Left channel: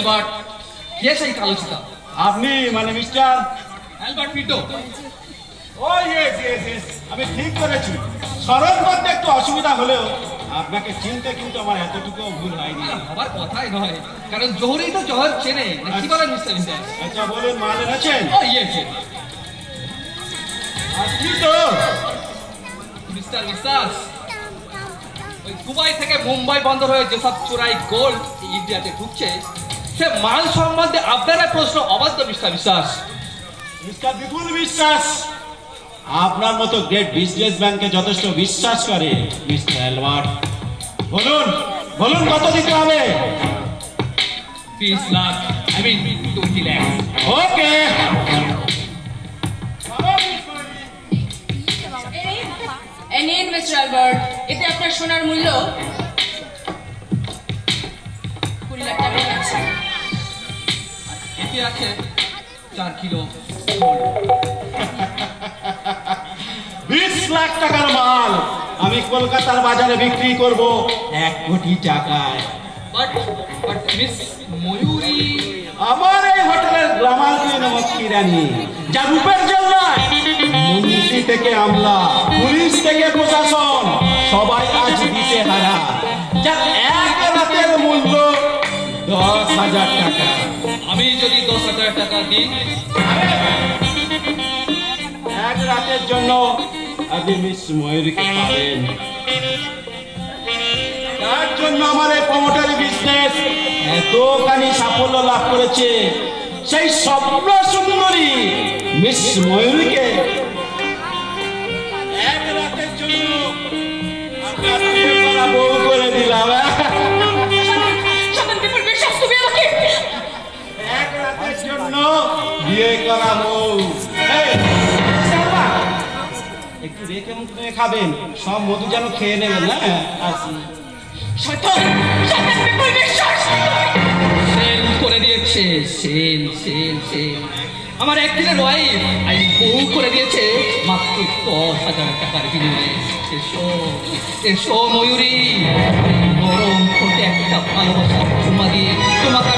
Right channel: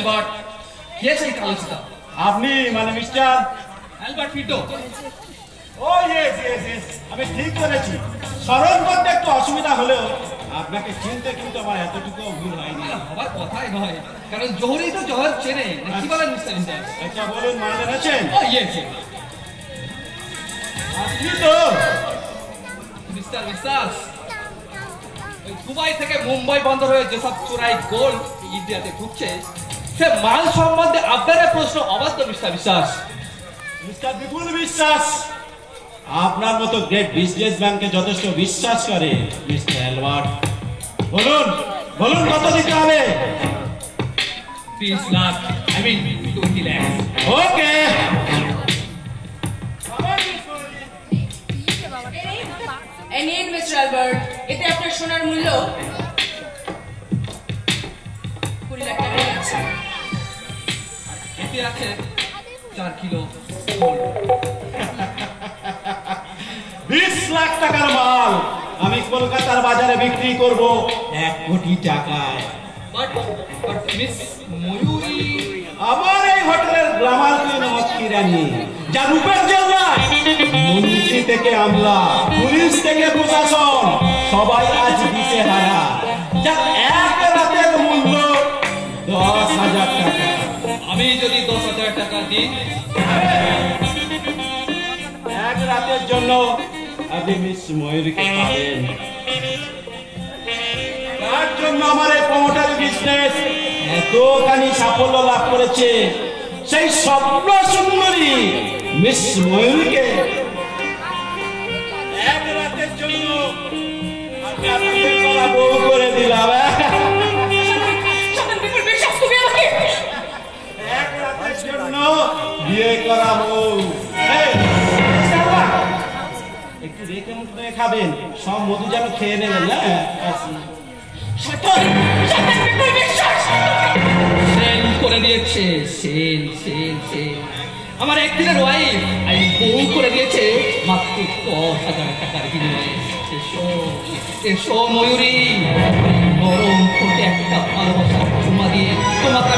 Albert, কে সেই কালো চিতা? আপনি মানে মিস্টার অ্যালবার্ট ফিটো। ও ইয়েস ইয়েস ইয়েস, আমি ঠিক করেছি। স্মরণ করতে একটু অসুবিধা হলেও আপনাকে চিনতে কিন্তু আমার এতটুকু ভুল হয়নি। আমার কথাই নয়, কারণ জোহরই তো জোহর চেনে, কি বলেন মিস্টার বিশ্বাস? আচ্ছা বলুন, মালের আছেন? ও ইয়েস আপনি তো মিস্টার বিশ্বাস, ওই দুবাই থেকে মুম্বাই বন্দর হয়ে যেসব চোরাই গোল্ড ইন্ডিয়াতে ঢুকছে, সে মাল সম্বন্ধে আপনার প্রশ্ন অবাধ্য মিস্টার বিশ্বাস। মিস্টার বিপুল বিশ্বাস আপনার মতো গ্রেট বিজনেসম্যানকে যথেষ্ট বিশ্বাস করে মিস্টার অ্যালবার্ট। বলুন বলুন, কত দিতে হবে? 20 লাখ, I mean 20 লাখ। ওকে, এই নিন মিস্টার অ্যালবার্ট, এতে আপনার সোনার মূল্য 20 লাখ টাকা আছে। এতে আছে 4 কিলো 20 লাখ টাকার মাল আমি কলকাতার বাজারে বিক্রি করব 1 কোটি টাকায়। বাট মিস ময়ূরী আমার এই হোটেলের গ্লামার কুইন মক্কি রানী, যা রূপের জন্য মন্ত্রী থেকে আমলা, পুলিশ থেকে প্রশাসন সবাই আজ দিতে হারা, যা এক রাতের মূল্য 10,000 টাকা। আমি যদি 10,000 টাকা দিই, এক রাতের জন্য আপনি মিস ময়ূরীকে পাবেন। তার জন্য আমার এই প্রমোটারি বিজনেস এতখানি সাফল্য লাভ করেছে, সেই স্বপ্ন সুন্দরী মিস ময়ূরীকে এক রাতের জন্য আপনার বিয়ে করা বউ করে দিলাম। এক রাতের জন্য বিয়ে করা বউ। একটু রেখে মুখ করে খাবেন, সব মধু যেন খেয়ে নেবেন না। সেল করে দিয়েছে, সেল সেল সেল। আমার একদিনের ওয়াইফ আমি বউ করে দিয়েছে মাত্র 10,000 টাকার বিনিময়ে। এসো এসো ময়ূরী, নরম ঠোঁটে একটা ভালোবাসা চুমা দিয়ে তোমাকে